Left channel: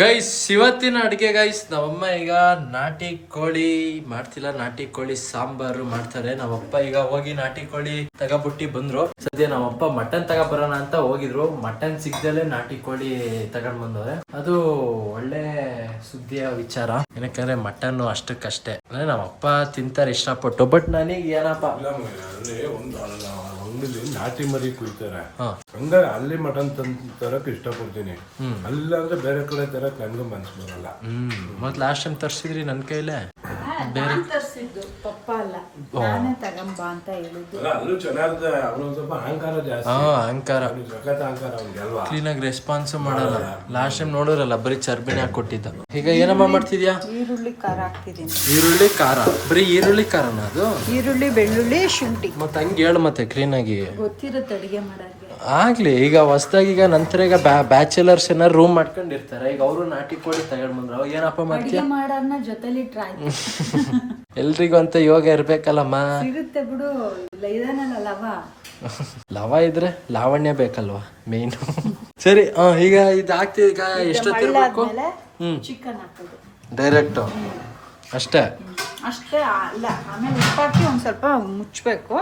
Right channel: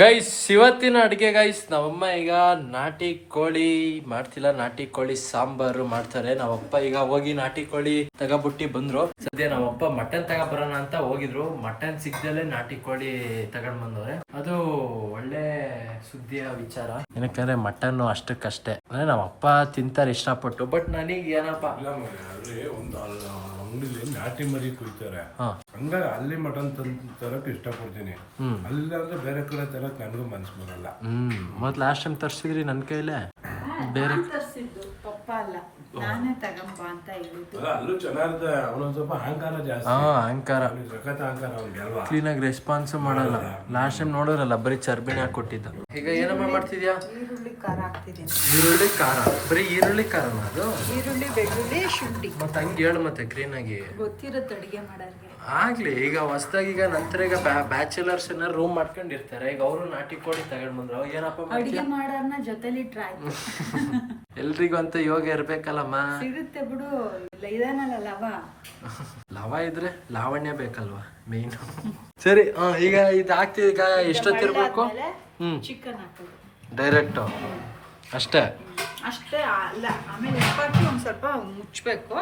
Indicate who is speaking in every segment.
Speaker 1: Guys ಇವತ್ತಿನ ಅಡುಗೆ guys ನಮ್ಮಮ್ಮ ಈಗ ನಾಟಿ ಕೋಳಿ ಮಾಡ್ತಿಲ್ಲ. ನಾಟಿ ಕೋಳಿ ಸಾಂಬಾರು ಮಾಡ್ತಾರೆ. ನಾವಪ್ಪ ಈಗ ಹೋಗಿ ನಾಟಿ ಕೋಳಿ ತಗೊಬಿಟ್ಟಿ ಬಂದ್ರು. ಸದ್ಯ ನಮ್ಮಪ್ಪ ಮಟನ್ ತಗೊಬರೋಣ ಅಂತ ಹೋಗಿದ್ರು. ಮಟನ್ ಸಿಗ್ದಲೆ ನಾಟಿ ಕೋಳಿ ತಗೊಂಡ್ ಬಂದವ್ರೆ. ಅದು ಒಳ್ಳೆ ಸುದ್ದಿಯ ವಿಚಾರ. ಏನಕ್ಕಂದ್ರೆ ಮಟನ್ ಅಷ್ಟಕ್ಕಷ್ಟೇ. ಅಂದ್ರೆ ನಮ್ಮಪ್ಪ ತಿಂತಾರೆ ಇಷ್ಟಪಟ್ಟು. ಬಟ್ ನನಗೆ ಏನಪ್ಪ?
Speaker 2: ನಾಟಿ ಮರಿ ಕುಯ್ತಾರೆ. ಹಂಗ ಅಲ್ಲಿ ಮಟನ್ ತಂದು ತರಕ್ ಇಷ್ಟಪಡ್ತೀನಿ. ಅಲ್ಲ ಅಂದ್ರೆ ಬೇರೆ ಕಡೆ ತರಕ್ ನನ್ಗೂ ಮನ್ಸು ಬರಲ್ಲ.
Speaker 1: ಹ್ಮ್. ಮತ್ ಲಾಸ್ಟ್ ಟೈಮ್ ತರ್ಸಿದ್ರಿ ನನ್ ಕೈಲೇ? ಬೇರೆ
Speaker 3: ತರಿಸಿದ್ದು ಪಪ್ಪ ಅಲ್ಲ. ನಾನೇ ತಗಂಬ ಅಂತ ಹೇಳಿದ್ದು.
Speaker 2: ಅಲ್ಲ, ಅಲ್ಲೂ ಚೆನ್ನಾಗಿದೆ. ಅವನೊಂದ್ ಸ್ವಲ್ಪ ಅಹಂಕಾರ ಜಾಸ್ತಿ.
Speaker 1: ಹಾ ಅಹಂಕಾರ.
Speaker 2: ಅವ್ನಿಗೆ ಸಖತ್ ಅಹಂಕಾರ ಅವ್ನಿಗೆ ಅಲ್ವಾ?
Speaker 1: ಕ್ಲೀನಾಗಿ ರೆಸ್ಪಾನ್ಸ್ ಮಾಡಲ್ಲ. ಲಾಸ್ಟ್ ಟೈಮ್ ನೋಡಿರಲ್ಲ ಬರೀ ಚರ್ಬಿನೇ ಹಾಕೊಟ್ಟಿದ್ದ ಈಗ ಏನಮ್ಮ ಮಾಡ್ತಿದ್ಯಾ?
Speaker 3: ಈರುಳ್ಳಿ ಖಾರ ಹಾಕ್ತಿದ್ದೀನಿ.
Speaker 1: ಈರುಳ್ಳಿ ಖಾರ. ಬರೀ ಈರುಳ್ಳಿ ಖಾರನ ಅದು?
Speaker 3: ಈರುಳ್ಳಿ ಬೆಳ್ಳುಳ್ಳಿ ಶುಂಠಿ.
Speaker 1: ಮತ್ತೆ ಹಂಗೆ ಹೇಳು ಮತ್ತೆ ಕ್ಲೀನಾಗಿ
Speaker 3: ಗೊತ್ತಿರುತ್ತೆ ಅಡಿಗೆ ಮಾಡೋರಿಗೆ
Speaker 1: ಆಗ್ಲಿ ಈಗ ಹೊಸ್ದಾಗಿ ಈಗ ನಂತರ ಈಗ ಬ್ಯಾಚುಲರ್ಸ್ ಏನಾರು ರೂಮ್ ಮಾಡ್ಕೊಂಡಿರ್ತಾರೆ. ಈಗ ಅವರು ನಾಟಿ ಕೋಳಿ ತಗೊಂಡ್ ಬಂದ್ರು. ಅವಾಗ ಏನಪ್ಪ ಮಾಡ್ತೀಯ?
Speaker 3: ಅಡುಗೆ ಮಾಡೋರ್ನ ಜೊತೆಲಿ ಟ್ರೈ
Speaker 1: ಎಲ್ರಿಗೂ ಅಂತ ಯೋಗ ಇರ್ಬೇಕಲ್ಲಮ್ಮ.
Speaker 3: ಸಿಗುತ್ತೆ ಬಿಡು. ಇದಾನಲ್ಲ ಲವ.
Speaker 1: ಲವ ಇದ್ರೆ ಲಾವಣ್ಯ ಬೇಕಲ್ವಾ? ಮೇನ್ ಸರಿ ಈಗ ಇದು ಹಾಕ್ತಿವಿ ಈಗ ಎಷ್ಟೊತ್ತಿರ್ಬೇಕು? ಹ್ಮ್.
Speaker 3: ಚಿಕನ್ ಹಾಕೋದು.
Speaker 1: ಡೈರೆಕ್ಟು ಅಷ್ಟೇ?
Speaker 3: ಅಷ್ಟೇ ಅಲ್ಲ ಆಮೇಲೆ ಉಪ್ಪಾಕಿ ಒಂದ್ ಸ್ವಲ್ಪ ಮುಚ್ಚಬೇಕು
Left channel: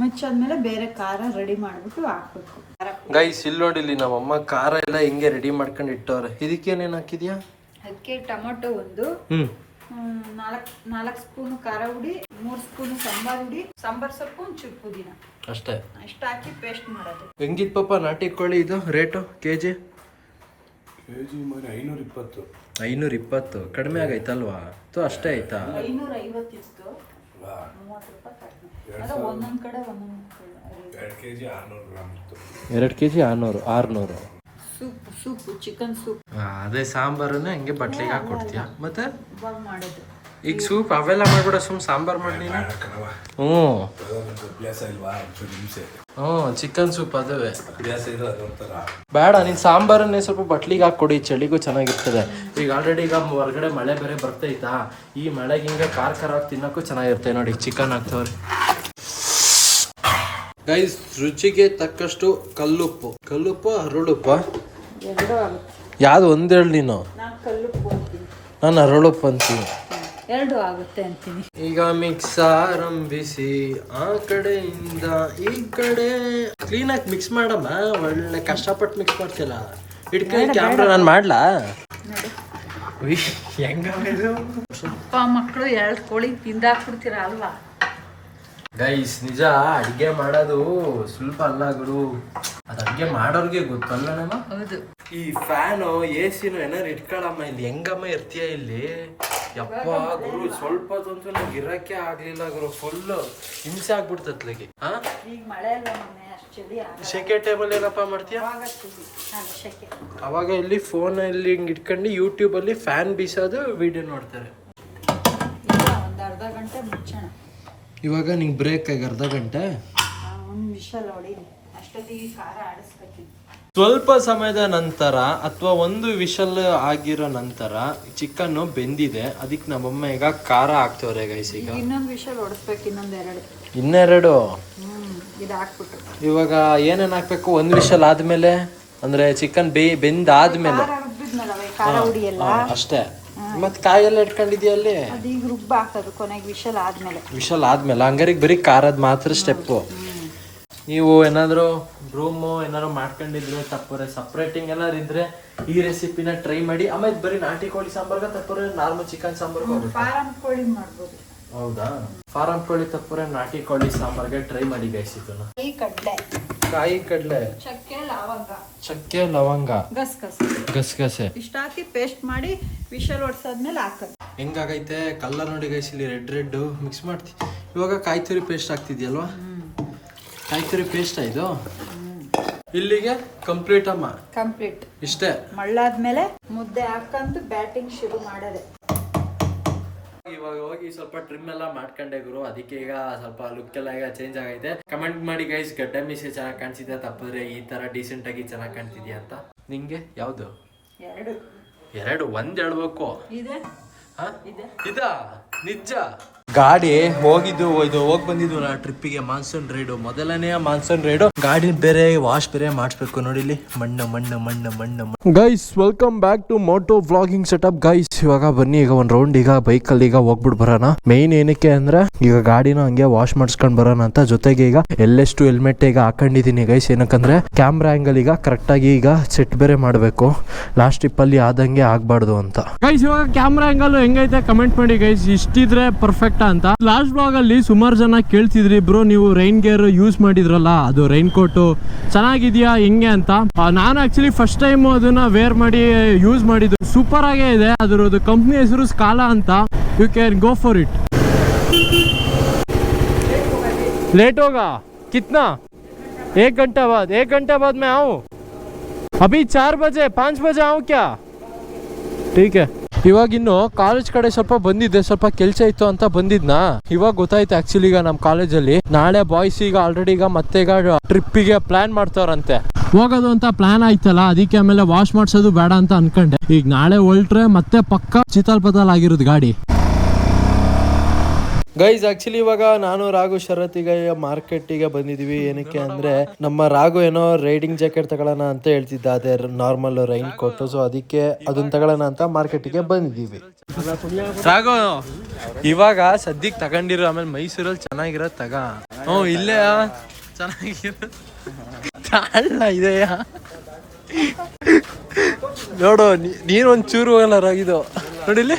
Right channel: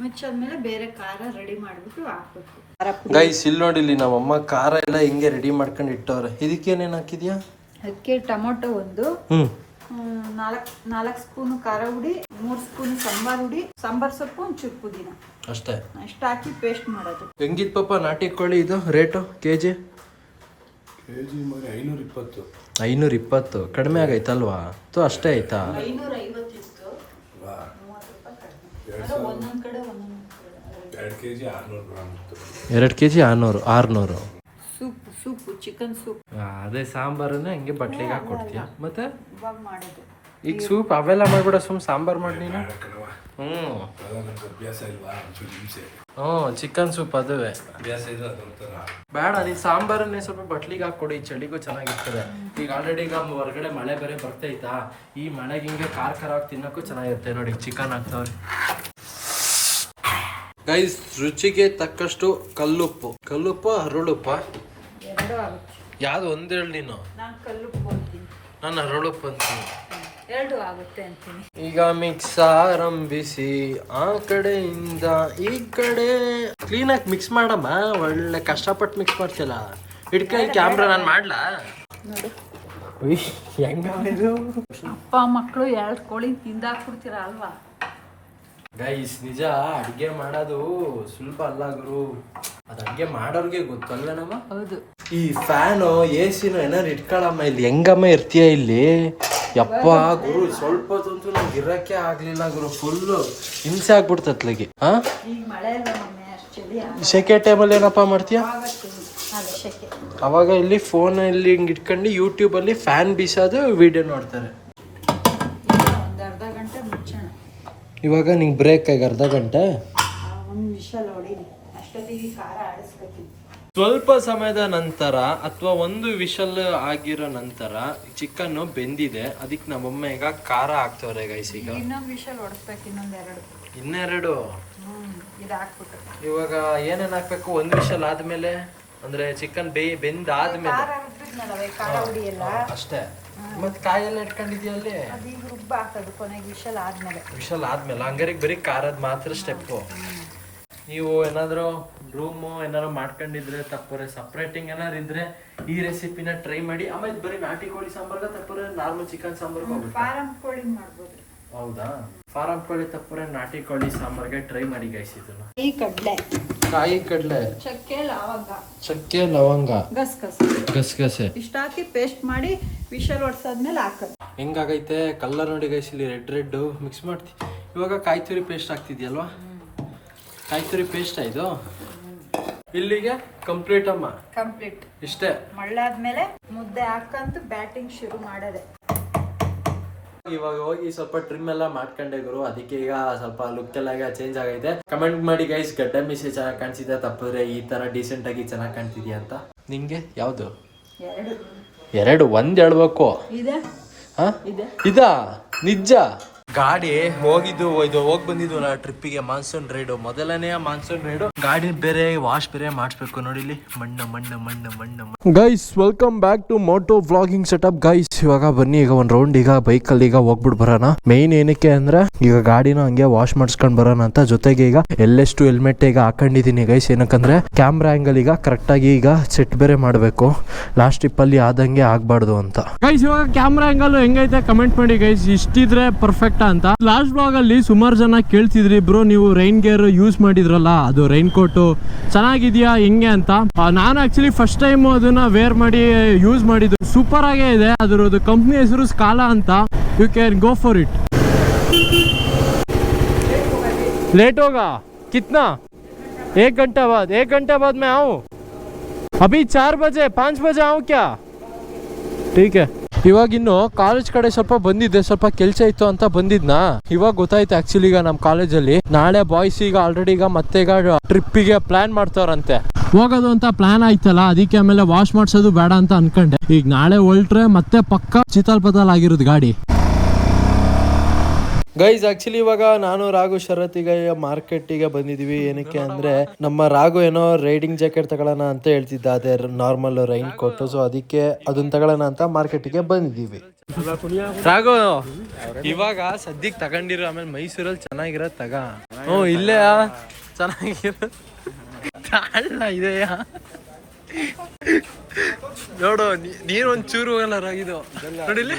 Speaker 3: ಮುಚ್ಚಾದ್ಮೇಲೆ ಬೇರೆ ಖಾರ ರೆಡಿ ಮಾಡ್ಬಿಟ್ಟು ಹಾಕ್ಬೇಕು.
Speaker 1: ಗೈಸ್ ಇಲ್ಲಿ ನೋಡಿ ಇಲ್ಲಿ ನಮ್ಮಮ್ಮ ಖಾರ ಎಲ್ಲ ಹಿಂಗೆ ರೆಡಿ ಮಾಡ್ಕೊಂಡು ಇಟ್ಟವ್ರೆ. ಇದಕ್ಕೇನೇನು ಹಾಕಿದ್ಯಾ?
Speaker 3: ಅದಕ್ಕೆ ಟೊಮೊಟೊ ಒಂದು ನಾಲ್ಕು ನಾಲ್ಕು ಸ್ಪೂನ್ ಖಾರ ಹುಡಿ ಮೂರು ಸ್ಪೂನ್ ಸಾಂಬಾರ್ ಹುಡಿ ಸಾಂಬಾರ್ ಸೊಪ್ಪು ಒಂಚೂರು ಪುದೀನ
Speaker 1: ಅಷ್ಟೇ.
Speaker 3: ಅಷ್ಟು ಹಾಕಿ ಪೇಸ್ಟ್ ಮಾಡೋದು.
Speaker 1: ಹೆಂಗಿತ್ತು ಪಾಪ ನಾಟಿ ಕೋಳಿ ಇದು? Rate K G
Speaker 2: K G ಮರಿ ಐನೂರ ಇಪ್ಪತ್ತು.
Speaker 1: ಐನೂರ ಇಪ್ಪತ್ತು. ಕಡಿಮೆ ಆಗೈತಲ್ವಾ? ತೋ ಅಷ್ಟೇ ಆಯ್ತಾ?
Speaker 3: ಐನೂರ ಐವತ್ತಿತ್ತು
Speaker 2: ವಾ,
Speaker 3: ಒಂದೊಂದು ಕಡೆ ಒಂದೊಂದು
Speaker 2: ಎರಡು ಕೆ ಜಿ ಆರ್ನೂರು ಗ್ರಾಮ್ ಇತ್ತು
Speaker 1: ಎರಡು ಕೆ ಜಿ ಆರ್ನೂರು ಆರ್ನೂರು.
Speaker 3: Soup soup chicken soup.
Speaker 1: ಅದೇ ಸಾಂಬಾರನ್ನ ಹಂಗೆ ಬಟ್ಲಿಗೆ ಹಾಕೊಡ್ತೀಯ? ಮತ್ತೆ?
Speaker 3: ಇವಾಗ ಮಾಡೋದು.
Speaker 1: ಈಗ ಸೂಪ್ ಅವೆಲ್ಲ ಮಾಡ್ಬಿಡ ಸುಮ್ ಸಾಂಬಾರ್ ಮಾಡಿ ನೀನು? ಹ್ಞೂ.
Speaker 2: ಅಭ್ಯಾಸ ಇಲ್ವಾ? ಒಂಚೂರು ಹಿಂಸೆ.
Speaker 1: ಹ್ಞೂ ಚಿಕನ್ ಸೂಪ್ ಅದುವೆ.
Speaker 2: ಅಭ್ಯಾಸ ಇರೋ ಅದೊಂಥರ
Speaker 1: ಬೇಡ ನೀನು ಸಾಂಬಾರನ್ನೇ ಸ್ವಲ್ಪ ಬಟ್ಲಿಗೆ ಹಾಕೊಡಿ ಚಳಿಗೂ ಚೆನ್ನಾಗಿರ್ತದೆ. ಈಗ ಆಲ್ರೆಡಿ ಈಗ ಹೊರಗಡೆ ಮಳೆ ಬೇರೆ ಬರ್ತೈತಾ ಈ ಮಳೆಗೆ ಹಿಂಗೆ ಖಾರ ಖಾರವಾಗಿ ತಿನ್ನೋಕ್ಕೂ ಚೆನ್ನಾಗಿರುತ್ತೆ ನೋಡಿ ಚಿಕನ್ ಹಾಕ್ತವ್ರೆ. ಗೈಸ್ ರುಚಿಗೆ ತಕ್ಕಷ್ಟು ಕಲ್ಲುಪ್ಪು. ಕಲ್ಲುಪ್ಪ ಹರಳುಪ್ಪ ಯಾವ್ದು ಒಂದೇಳು ನೀನು?
Speaker 3: ನಾನು
Speaker 1: ಹರಳುಪ್ಪ ಅಂತೀನಿ.
Speaker 3: ಎರಡು ಆಗುತ್ತೆ
Speaker 1: ಈಗ ಮಿಕ್ಸ್ ಆರಂಭಿಸಿ. ಆ ಕಡೆಯಿಂದ ಈ ಕಡೆ. ಕ್ಲೀನಾಗಿ ಮಿಕ್ಸ್ ಮಾಡಮ್ಮ. ಒಳ್ಳೆ ಕಷ್ಟಪಟ್ಟು ಮಿಕ್ಸ್ ಮಾಡ್ತಿಲ್ಲ ಇಟ್ಕೊಂಡು ಕ್ಯಾಮ್ರಾ ನಾನು ಮಾಡ್ಲಾ? ಹೆಂಗ
Speaker 3: ಅಪ್ಪ ಮಕ್ಕಳು ಎರಡು ಕೋಳಿ ತಿಂದಾಕ್ಬಿಡ್ತೀರಾ ಅಲ್ವಾ?
Speaker 1: ಗೈಸ್ ನಿಜ ಅಡಿಗೆ ಮಾಡೋದು ಸ್ವಲ್ಪ ಅಲ್ಲ ಗುರು. ಅದು ಅಡ್ಗೆ ಮಾಡೋರ್ಗೆ ಗೊತ್ತಲ್ವೇನಮ್ಮ
Speaker 3: ಹೌದು.
Speaker 1: ಈ ಫ್ಯಾನು ಎ ಸಿನ ಏನಾರು ಇಟ್ಕೊಳಮ್ಮ ಇಲ್ಲಿ ಹೆಂಗಮ್ಮ ಇರ್ತೀಯ ಇಲ್ಲಿ? ಯಪ್ಪ ಗುರು ಸ್ವಲ್ಪ ಹೊತ್ತಂತೂ ನಂಗೆ ಇರಕ್ಕೆ ಆಗ್ಲಿಲ್ಲ ಗುರು ಫುಲ್ಲು ಹಿಂಸೆ ಆಗ್ಬಿಡ್ತತ್ಲಿಗೆ ಹಾ
Speaker 3: ಈಗ ಮಳೆ ಅಲ್ಲ ಮಮ್ಮಿ ಅಷ್ಟು ಚಳಿ ಆಗ-
Speaker 1: ಸೆಕೆ ಟೈಮಲ್ಲಿ ಏನಪ್ಪ ಮಾಡ್ತೀಯ? ಅವಾಗ ಇಲ್ಲಿ ಫೋನಲ್ಲಿ ಹಿಂಗೆ ಇಟ್ಕೊಂಡು ಯೂಟ್ಯೂಬಲ್ಲಿ ಫ್ಯಾನ್ ಬೀಸೋದು ವಿಡಿಯೋ ನೋಡ್ತಾರೆ. ಇವಾಗ ನಿಂಗೆ ಬ್ರೇಕ್ ಆಗಿ ಅರ್ಧ ಗಂಟೆ? ಸ್ವಲ್ಪ ಸಮಯದ ನಂತರ ಅಥವಾ ಒಂದು ವಿಷಲ್ ಆಗಿರೋ ನಂತರ ಚಿಕನ್ ಬೆಂದಿದೆ. ಅದಕ್ಕೆ ನಮ್ಮಮ್ಮ ಈಗ ಖಾರ ಹಾಕ್ತವ್ರೆ ಗೈಸ್ ಈಗ. ಇನ್ನೆರಡು? ಇವಾಗ ಏನೇನು ಹಾಕ್ಬೇಕು? ಒಂದು ವಿಷಲ್ ಆದ್ಮೇಲೆ? ಅಂದ್ರೆ ಚಿಕನ್ ಬೇ ಬೆಂದಾದ್ಮೇಲೆ? ಅಷ್ಟೇ. ಮತ್ತೆ ಕಾಯೆಲ್ಲ ಇಟ್ಕೊಂಡಿದ್ಯಾ ಅಲ್ಲಿ?
Speaker 3: ಅದೀಗ ರುಬ್ಬ ಹಾಕೋದು ಕೊನೆಗೆ ವಿಶಲ್ ಆದ್ಮೇಲೆ.
Speaker 1: ವಿಷಲ್ ಆದ್ಮೇಲೆ. ಹಂಗಾರಿಗೆ ಬರೀ ಖಾರದ್ ಮಾತ್ರ ಸ್ಟೆಪ್ಪು ನೀವು ಏನಾದರೂ ರೂಮು ಏನಾದ್ರು ಮಾಡ್ಕೊಂಡಿದ್ರೆ ತಪ್ಪರೆ ಸಪ್ರೇಟಿಂಗ್ ಏನಾದ್ರು ಇದ್ರೆ ಈ ರೆಸಿಪಿನ ಟ್ರೈ ಮಾಡಿ. ಆಮೇಲೆ ಬರೀ ನಾಟಿ ಕೋಳಿ ಸಾಂಬಾರ್ಗ ತಪ್ಪರೆ ನಾರ್ಮಲ್ ಚಿಕನ್ ಸಾಂಬಾರ್ಗ ಹೋಗುತ್ತೆ
Speaker 3: ಫಾರಂ ಕೋಳಿ ಮಾಡ್ಬೋದು.
Speaker 1: ಹೌದಾ? ಫಾರಂ ಕೋಳಿ ತಪ್ಪರೆ ನಾಟಿ ಕೋಳಿ ಸಾಂಬಾರ್ಗೆ ಟ್ರೈ ಮಾಡಿ ಗೈಸ್ ಇದನ್ನ.
Speaker 3: ಈ ಕಡಲೆ.
Speaker 1: ಕಾಯಿ ಕಡಲೆ.
Speaker 3: ಚಕ್ಕೆ ಲವಂಗ.
Speaker 1: ಚಕ್ಕೆ ಲವಂಗ.
Speaker 3: ಗಸ್
Speaker 1: ಗಸಗಸೆ
Speaker 3: ಇಷ್ಟ ಹಾಕಿ ಪೇಸ್ಟ್ ಮಾಡಿ ವಿಷಲ್ ಒಡ್ಸಾದ್ಮೇಲೆ ಹಾಕೋದು.
Speaker 1: ಹೆಂಗಾಗೈತೆ? ಕಲ್ಲರ್ ನೋಡಿ ಗೈಸ್ ಇಲ್ಲಿ ರೆಡ್ ರೆಡ್ ಮಿಕ್ಸ್ ಮಾಡ್ತಿ. ಇವಾಗ ಕಾಯಿ ತುರಿ ಪೇಸ್ಟ್ ಆಗ್ತಿದ್ಯಲ್ವಾ? ಕಾಯಿ ತುರಿ ಪೇಸ್ಟ್ ಇದು? ಇಲ್ಲಿಗೆ ಕಂಪ್ಲೀಟ್ ಅಮ್ಮ.
Speaker 3: ಕಂಪ್ಲೀಟ್
Speaker 1: ಇಷ್ಟೇ.
Speaker 3: ಮಳ್ಳಾದ್ಮೇಲೆ ಮುದ್ದೆ ಹಾಕಂತ ಬ್ಯಾಟಿಂಗ್ ಶುರು ಮಾಡೋದೆ.
Speaker 1: ಇವಾಗ ಹೋಗಿ ಸ್ವಲ್ಪ ಟ್ರಿಮ್ ಎಲ್ಲ ಮಾಡ್ಕೊಂಡೆ ಗುರು. ಅದಕ್ಕೆ ಈಗ ಸ್ವಲ್ಪ ಲುಕ್ ಎಲ್ಲ ಈಗ ಚೇಂಜ್ ಆಗೈತೆ. ಕಮೆಂಟ್ ಮಾಡಿ ಗೈಸ್ ಗಡ್ಡ ಮೀಸೆ ಚೆನ್ನಾಗಿ ಕಾಣಿಸಿದೆ ತಪ್ಪಿದ್ರೆ ಈ ತರ ಡೀಸೆಂಟ್ ಆಗಿ ಚೆನ್ನಾಗಿ ಕಾಣ್ತಿದ್ಯಾ ಅಂತ? ನಿಂಗೆ? ಯಾವ್ದು?
Speaker 3: ಎರಡು.
Speaker 1: ಒಂದ್ ಹೇಳ್ಬೇಕು.
Speaker 3: ಇದೆ.
Speaker 1: ಹಾ?
Speaker 3: ಇದೆ.
Speaker 1: ಇದಾ? ನಿಜ ಗಾಡಿ ಹೋಗಿದ್ದು ಇದು ಹೋಗಿ ಬಂದಿದ್ವಲ್ಲ ಟ್ರಿಪ್ಪಿಗೆ ಮಾನ್ಸೂನ್ ರೈಡು ಮೊದಲನೇ ಮಾನ್ಸೂನ್ ರೈಡು ಗಾಡಿ ಬೇರೆ ವಾಶ್ ಬೇರೆ ಮಾಡಿಸ್ಬೇಕು ನೋಡಿ ಇಲ್ಲಿ. ಮಣ್ಣ ಮಣ್ಣ ಮಣ್ಣ ಮಣ್ಣ guys welcome back to moto vlogging setup guys ಇವಾಗ ಬನ್ನಿ ಈಗ ಒಂದ್ ರೌಂಡ್ ಈಗ ಬೈಕ್ ಅಲ್ಲಿ ಈಗ ಹೋಗ್ಬಿಟ್ಟು ಬರೋಣ. ಮೇನ್ ಏನಕ್ಕೆ ಅಂದ್ರೆ ಈಗ ಗಾಡಿನ ಹಂಗೆ ವಾಶ್ ಮಾಡಿಸ್ಕೊಂಡ್ ಬರೋಣ ಅಂತ. ಜೊತೆಗೆ ಈಗ ಎಲ್ಲೆಷ್ಟು ಹೆಲ್ಮೆಟ್ ಈಗ ಹಾಕೊಂಡಿದೀನಿ ಗೈಸ್ ಏನಕ್ಕಂದ್ರೆ ಕ್ಯಾಮ್ರಾ ಆಂಗಲ್ ಈಗ ಕರೆಕ್ಟ್ ಆಗಿ ಈಗ ಸೆಟ್ ಬೇರೆ ಮಾಡಬೇಕು. ಲಾಸ್ಟ್ ಟ್ರಿಪ್ ಅಲ್ಲಿ ಆದಂಗೆ ಆಗ್ಬಾರ್ದು ಅಂತ. ಗೈಸ್ ಇವಾಗ ಕ್ಯಾಮ್ರಾ ಆಂಗಲ್ ಹೆಂಗೈತೆ? ಕಮೆಂಟ್ ಮಾಡಿ ಗೈಸ್ ಇಷ್ಟಿದ್ರೆ ಪರ್ಫೆಕ್ಟ್ ಅಂತ ಲಾಸ್ಟ್ ಬ್ಲಾಗ್ ಅಲ್ಲಿ ಸುಮಾರು ಜನ ಕೇಳ್ತಿದ್ರಿ ಬ್ರೋ ನೀವು ರೈನ್ ಗೇರ್ ಯೂಸ್ ಮಾಡಿದ್ರಲ್ಲ ಅದು ರೈನ್ ಕೋಟು ಚೆನ್ನಾಗಿದ್ಯಾ ಹೆಂಗೆ ಅಂತ ಆ, ನಾನು ಆಕ್ಚುಲಿ ಫಸ್ಟ್ ಟೈಮ್ ಅದನ್ನ ವೇರ್ ಮಾಡಿ ಯೂಸ್ ಮಾಡಿದ್ದು ಸೂಪರ್ ಆಗೇ ಇದೆ ಅದರದ್ದು ಕಂಪ್ನಿ ಹೆಸರು ಸ್ಕಾಲಾ ಅಂತ you can go for it late होगा कितना एक घंटा बाद एक घंटा बाद मैं आऊँ अभी चार बजे पाँच बजे आऊँ क्या ठीक है ಇವಾಗ ಇನ್ನು ಕಾಲೇಜ್ ಕಡೆ ಸ್ವಲ್ಪ ಬಂದಿದ್ದೆ, ಸ್ವಲ್ಪ ಕೆಲಸ ಇತ್ತು ಅಂತ ಬಂದಿದ್ನಾ. ಇವಾಗ ಗೊತ್ತಾಯ್ತು ಆಕ್ಚುಲಿ ಈಗ ನಮ್ಮ ಕಾಲೇಜಲ್ಲಿ ನಾಳೆ ಬಾಯ್ಸ್ ಈಗ ಆಲ್ರೆಡಿ ಈಗ ಮತ್ತೆ ಈಗ ಟ್ರಿಪ್ಪಿಗೆ ಪ್ಲಾನ್ ಮಾಡ್ತಾರಂತೆ ಹೋಗೋದು ಅಂತ ಪ್ಲಾನ್ ಆಯ್ತಲ್ಲ, ಅದಕ್ಕೆ ಆಮೇಲೆ ವಾಶ್ ಮಾಡ್ಸೋದು ಬೇಡ ಅಂತ ಅನ್ಕೊಂಡೆ. ಈಗ ನಾಳೆ ಹೊಲ್ಟ್ರೆ ಮತ್ತೆ ಪಕ್ಕ ಚಿತಾಲ್ ಪತಾಲ್ ಆಗಿರೋದು ಗಾಡಿ. ಗೈಸ್ ಆಕ್ಚುಲಿ ಇವಾಗ ನಾನು ರಾಘು ಶರತ್ ಈಗ ಮಾರ್ಕೆಟಿಗೆ ಬಂದಿದೀವಿ ಏನಕ್ಕೆ ಅಂದ್ರೆ ನಮ್ಮ ರಾಘು ಏನೋ ರೈಡಿಂಗ್ ಜಾಕೆಟ್ ತಗೊಳ್ಳೋಣ ಅಂತ ಹೇಳ್ತಿದ್ದ. ಅದೇ ನಾರ್ಮಲ್ ರೈನ್ ಕೋಟ್ ಸೊ ಅದಕ್ಕೆ ಅದನ್ನ ತಗೊಳ್ಳೋಣ ಅಂತ ಮಾರ್ಕೆಟಿಗೆ ಬಂದಿದೀವಿ ರಾಘು, ಇವಾಗ ಸದ್ಯಕ್ಕೆ ತಗೊಂಡಿರೋ ಆಮೇಲೆ ಮೈಸೂರಲ್ಲಿ ಚೆನ್ನಾಗಿರೋ ತಗ. ಹ್ಞೂ, ಇಲ್ಲೇ ಚೆನ್ನಾಗಿರೋ ಇದೆಯಾ ನೋಡು ನೀನ್ ಒಂದ್ ಚೂರು ಹೋಗಲ್ಲ ರಾಗಿದು. ನೋಡಿಲ್ಲಿ?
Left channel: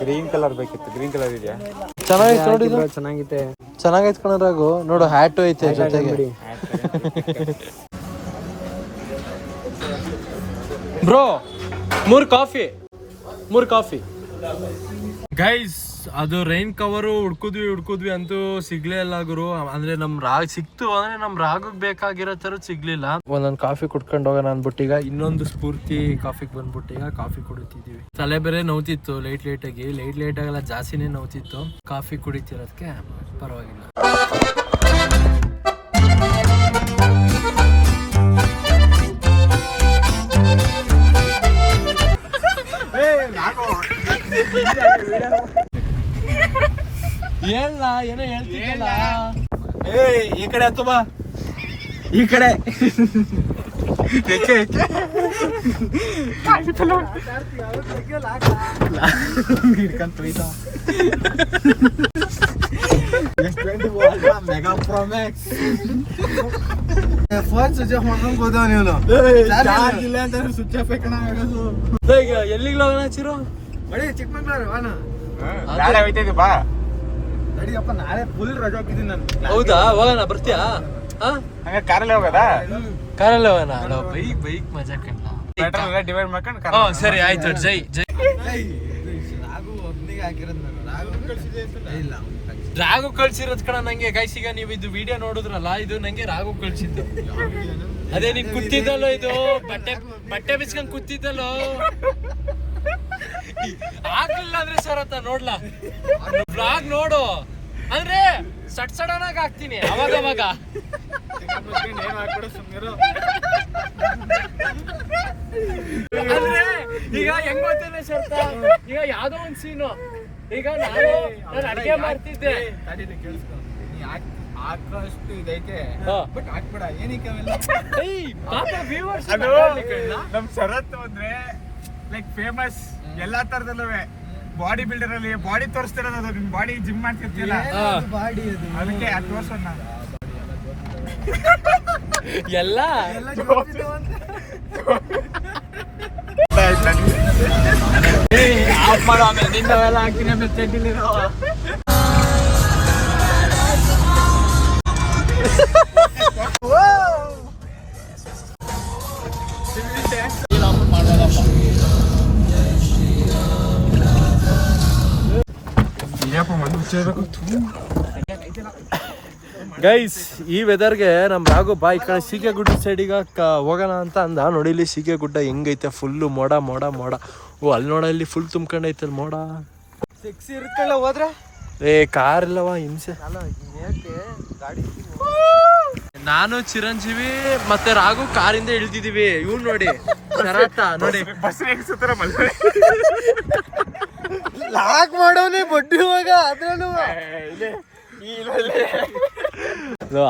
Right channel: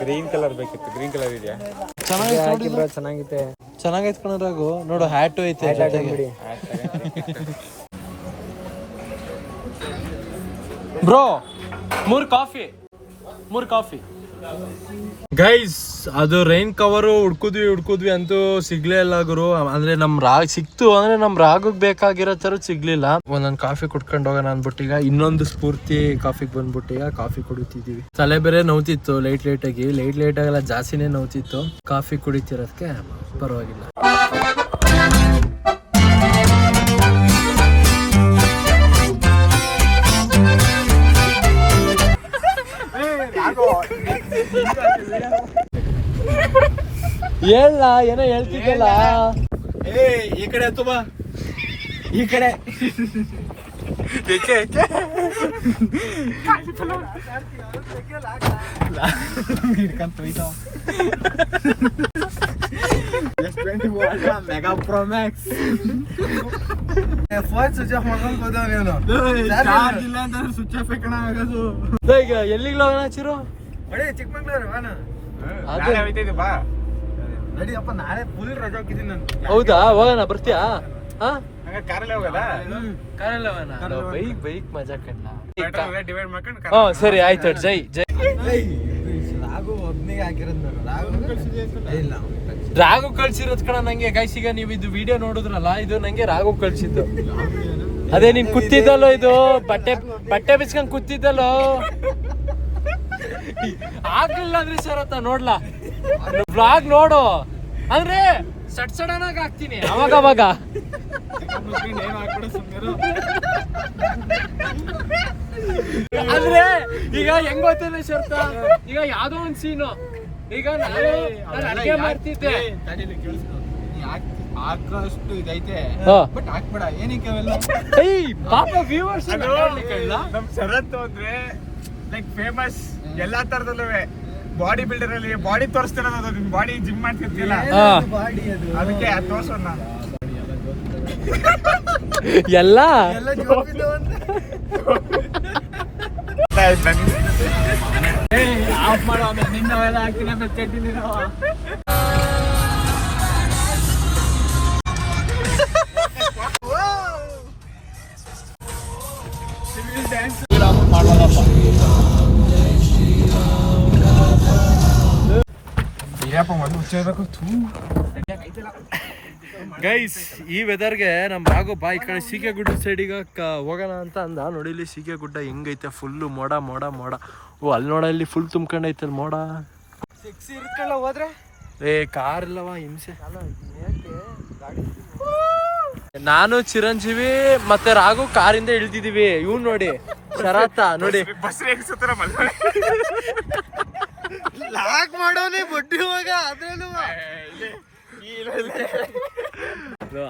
Speaker 4: ಗ್ರೀನ್ ಕಲರ್ ಬೇಕಿತ್ತು. ಗ್ರೀನ್ ಕಲರ್ ಇದೆಯಾ?
Speaker 1: ಚೆನ್ನಾಗಿತ್ತು ನೋಡಿ ಇದು.
Speaker 4: ಚೆನ್ನಾಗಿದೆ.
Speaker 1: ಚೆನ್ನಾಗೈತೆ ಕಣರಾಗು ನೋಡು ಹ್ಯಾಟು ಐತೆ ಜೊತೆಗೆ. ಬ್ರೋ ಮೂರ್ ಕಾಫಿ ಮೂರ್ ಕಾಫಿ ಗೈಸ್ ಅದು ರೈನ್ ಕವರು ಹುಡ್ಕಿದ್ವಿ ಹುಡ್ಕಿದ್ವಿ ಅಂತೂ ಸಿಗ್ಲೇ ಇಲ್ಲ ಗುರು. ಅಂದ್ರೆ ನಮ್ ರಾಗ್ ಸಿಕ್ತು, ಅಂದ್ರೆ ನಮ್ ರಾಗಕ್ಕೆ ಬೇಕಾಗಿರೋ ತರ ಸಿಗ್ಲಿಲ್ಲ. ಒಂದೊಂದು ಕಾಫಿ ಕುಡ್ಕೊಂಡು ಹೋಗೋಣ ಅಂದ್ಬಿಟ್ಟು ಈಗ ಇನ್ನೊಂದು ಸ್ಫೂರ್ತಿ ಕಾಫಿಗೆ ಬಂದ್ಬಿಟ್ಟು ಈಗ ಕಾಫಿ ಕುಡಿತಿದ್ವಿ. ತಲೆ ಬೇರೆ ನೋವ್ತಿತ್ತು ಲೈಟ್ ಲೈಟ್ ಆಗಿ. ಲೈಟ್ ಲೈಟ್ ಆಗೆಲ್ಲ ಜಾಸ್ತಿನೇ ನೋವ್ತಿತ್ತು. ಕಾಫಿ ಕುಡಿತಿರೋದಕ್ಕೆ ಪರವಾಗಿಲ್ಲ. ಹೇಳ ಏನೋ ಹೇಳ್ತಿದ್ದಲ್ಲ
Speaker 4: ಈ ಕಡೆ ತುಂಬ ಈ ಕಡೆ. ಮೆಗಾ ಫೋನ್ ಸ್ವಿಚ್ ಆಫ್ ಮಾಡ್ಕೊಂಡು ಹೋದವ ನೀವು ಚಾರ್ಜ್ ಇಲ್ಲ ಅಂತ ಸ್ವಿಚ್ ಆಫ್ ಕಣ
Speaker 1: ಎಲ್ಲಿಗೆ ಹೋಗೋಣ
Speaker 4: ಬರೀ ಚಿಕ್ಕಮಂಗ್ಳೂರು ವಾನ. ನಾಳೆ ಹೋಯ್ತೈತಿ ಬಾ. ನಡಿಯಪ್ಪ ನಾಳೆ ಫುಲ್ ರಜೆ ಹೋಗಿದ್ದೀನಿ ನಾನು.
Speaker 1: ಹೌದಾ? ಹೋಗೋಣ ಬರ್ತೀಯಾ?
Speaker 4: ಹಂಗ ಕಾರಲ್ಲಿ ಹೋಗೋದಾ
Speaker 1: ಕಾರಲ್ಲಿ ಹೋಗೋಣ? ಅಲ್ಲ ಬೈಕ್ ಬೈಕ್ ಮಜಾ ಕಂಡ
Speaker 4: ಪೆಟ್ರೋಲ್ ಡಿವೈಡ್ ಮಾಡ್ಕೊಂಡು
Speaker 1: ಹ್ಞೂ ಸರಿ ಆಯ್ತು ಜೈ ಜೈ.
Speaker 4: ರಾಗು ಒಬ್ನಿಗೆ ಹಾಕಿರೋದು ಇಲ್ಲ
Speaker 1: ರಾಘು ಕಳ್ಸಿರೋದ್ ಕಣ ನಂಗೆ. ಗೈಸ್ ಈಗ ನೀವು ಇದು ವಿಡಿಯೋ ನೋಡಿದ್ರಲ್ಲ ಇದು ನಂಗೆ ರಾಘು ಕಳ್ಸಿದ್ದು. ಅದೇ ನೀನ್ ಕುತ್ತಿದ್ದಲ್ಲ ಇದು? ಬಟ್ಟೆ ಬಟ್ಟೆ ಬಿಚ್ಕೊಂಡ್ ಕೂತಿದ್ದಲ್ಲೋ? ಆಗ್ಲಿಲ್ಲ ಅಂದ್ರೆ ಸರ್ ಅಂತ ನೋಡ್ಲಾ? ಬ್ಲಾಗ್ ನೋಡು. ಅಂದ್ರೆ ಸಡ್ ಸಡನ್ ಆಗಿ ಹಾಕ್ತೀನಿ ಅವಾಗ ಅವಾಗ. ಅಂದ್ರೆ ಈಗ ಹೆಂಗ್ ಗೊತ್ತಿಲ್ಲ ಶರ್ತ ಈಗ ಯಾವ್ದೋ ಒಂದ್ ಸೀನು ಈಗ ನಾನು ನಾನು ಅಡುಗೆ ಮಾಡ್ತಿದ್ದೆ.
Speaker 4: ಹಾಕೋಷ್ಟು ಇದೈತೆ ಬಟ್ ಹಾಕ್ಬೇಡ ಏನಕ್ಕೆ ಅವೆಲ್ಲ?
Speaker 1: ಏಯ್ ಪಾಪ ವ್ಯೂವರ್ಸ್
Speaker 4: ನಮ್ ಶರತ್ತು ಅಂದ್ರೆ ಲೈಕ್ ಫೇಮಸ್ ಎಲ್ಲಾ ತರದಲ್ಲೂ ಬಾಡಿ ಬಿಲ್ಡರ್ ಅಲ್ಲಿ ಬಾಡಿ ತೋರಿಸ್ತಿರೋದು ನಿಮ್ ಬಾಡಿ ಜಿಮ್ ಮಾಡ್ತಿರ್ತಿಲ್ಲ
Speaker 3: ಬಾಡಿ ಅದು
Speaker 4: ಅದಕ್ಕೆ ಅದು ತೋರ್ಸೋಣ.
Speaker 1: ಎಲ್ಲ?
Speaker 4: ಎಲ್ಲ ಆಮೇಲೆ ನಿನ್ನ ಮೇಲೆ ಹಾಕಿನ ಮೇಲೆ ಚಡ್ಡಿಲಿರೋ ಇರಪ್ಪ ಮೊದಲು
Speaker 1: ಗೈಸ್ ಈ ವೆದರ್ಗೆ ನಮ್ ರಾಘು ಬಾ ಈ ಕಡೆ ಸೀಕೆ ಗುಡ್ಡ ಸೈಡಿಗೆ ಹೋಗೋಣ ಅಂತ ಅಂದ. ನೋಡಿ ಇಲ್ಲಿ ಸೀಕೆ ಗುಡ್ಡ ಹೆಂಗೈತೆ ಫುಲ್ ಮೋಡ ಮೋಡ ಮೋಡ. ಓ ಅಲ್ಲಿ ನೋಡ ಇಲ್ಲಿ ಫುಲ್ ತುಂಬ್ಕೊಂಡೈತೆ ಅಲ್ಲಿ ಮೋಡ. ಏ ಕಾರ್ ಇಲ್ಲವಾ ಹಿಂಸೆ. ನಾನು ಚಿರಂಜೀವಿ ಮತ್ತೆ ರಾಘು ಕಾರಿಂದ ಇಳ್ದಿದೀವಿ ಇವ್ ನೋಡಿ ಶರಾತ ನೋಡಿ.
Speaker 4: ಬಸ್ ಹೆಂಗ್ ಸುತ್ತಾರ ಅದ್ರಲ್ಲೂ.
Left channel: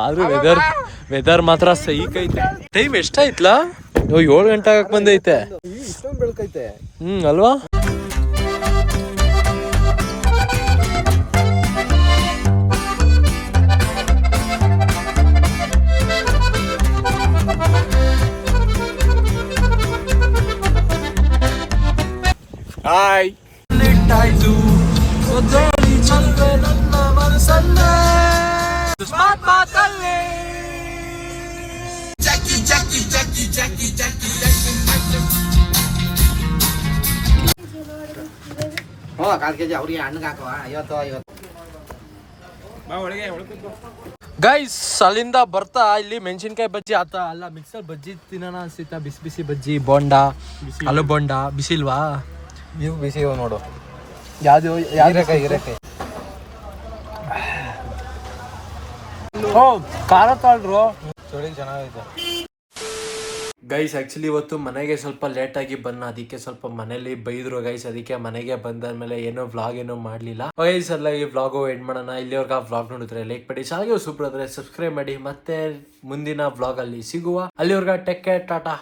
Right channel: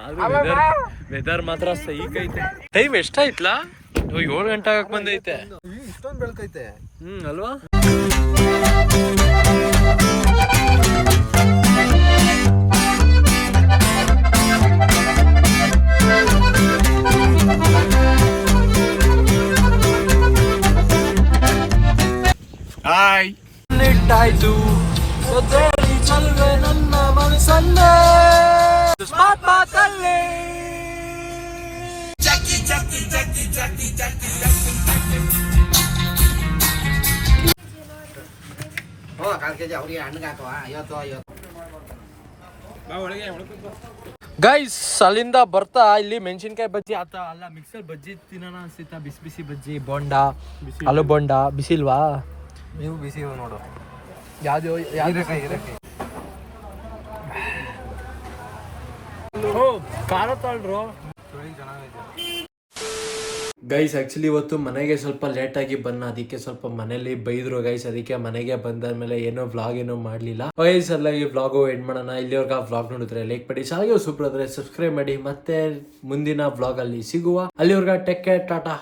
Speaker 1: ಆದ್ರೂ ವೆದರ್ ವೆದರ್ ಮಾತ್ರ ಸೈಕ್ ಐತೆ. ಟೈಮ್ ಎಷ್ಟಾಯ್ತಲ್ಲ ಏಳು ಗಂಟೆ ಆಗಕ್ ಬಂದೈತೆ.
Speaker 2: ಇಷ್ಟೊಂದು ಬೆಳಕೈತೆ.
Speaker 1: ಹ್ಮ್ ಅಲ್ವಾ? ಗೈಸ್ ಅಲ್ಲಿಂದ ಬರ್ತಾ ಇಲ್ಲಿ ಮೆಣಸಿನ್ಕಾಯಿ ಬಜ್ಜಿ ಆತ ಅಲ್ಲ ಮಿಕ್ಸರ್ ಬಜ್ಜಿ ತಿನ್ನೋಣ ಅನ್ಸಿತ್ತ. ಬಿಸಿ ಬಿಸಿ ಬಜ್ಜಿ ಬೋಂಡ ಆಲೂ ಬೋಂಡ ಬಿಸಿಲ್ವಾ?
Speaker 2: ನೀವು ಬಿಸಿ ನೋಡು.
Speaker 1: ಯಾವ್ದು ಓ ಖಾರ ತಾಳ್ರು.
Speaker 2: ಚಳಿ ಚೆನ್ನಾಗೈತೆ.
Speaker 1: ಗೈಸ್ ಆ್ಯಕ್ಚುಲಿ ಇವತ್ತು ಮನೆಗೆ ಸ್ವಲ್ಪ ಲೇಟಾಗಿ ಬನ್ನ. ಅದಕ್ಕೆ ಸ್ವಲ್ಪ ಮನೇಲಿ ಬೈದರು ಗೈಸ್ ಅದಕ್ಕೆ ಮನೆಗೆ ಬಂದಾದ್ಮೇಲೆ ಏನೋ ವ್ಲಾಗ್ ಏನೋ ಮಾಡಲಿಲ್ಲ. ಗೈಸ್ ಎಲ್ಲ ಈ ವ್ಲಾಗು ಎಂಡ್ ಮಾಡೋಣ. ಇಲ್ಲಿವರೆಗೆ ಆ ವ್ಲಾಗ್ ನೋಡಿದ್ರೆ ಲೈಕ್ ಮಾಡಿ. ಸೂಪರ್ ಆದರೆ ಸಬ್ಸ್ಕ್ರೈಬ್ ಮಾಡಿ. ಮತ್ತೆ ಮುಂದಿನ ವ್ಲಾಗಲ್ಲಿ ಸಿಗುವ. ಅಲ್ಲಿವರೆಗೆ ಟೆಕ್ ಕೇರ್ ಟಾಟಾ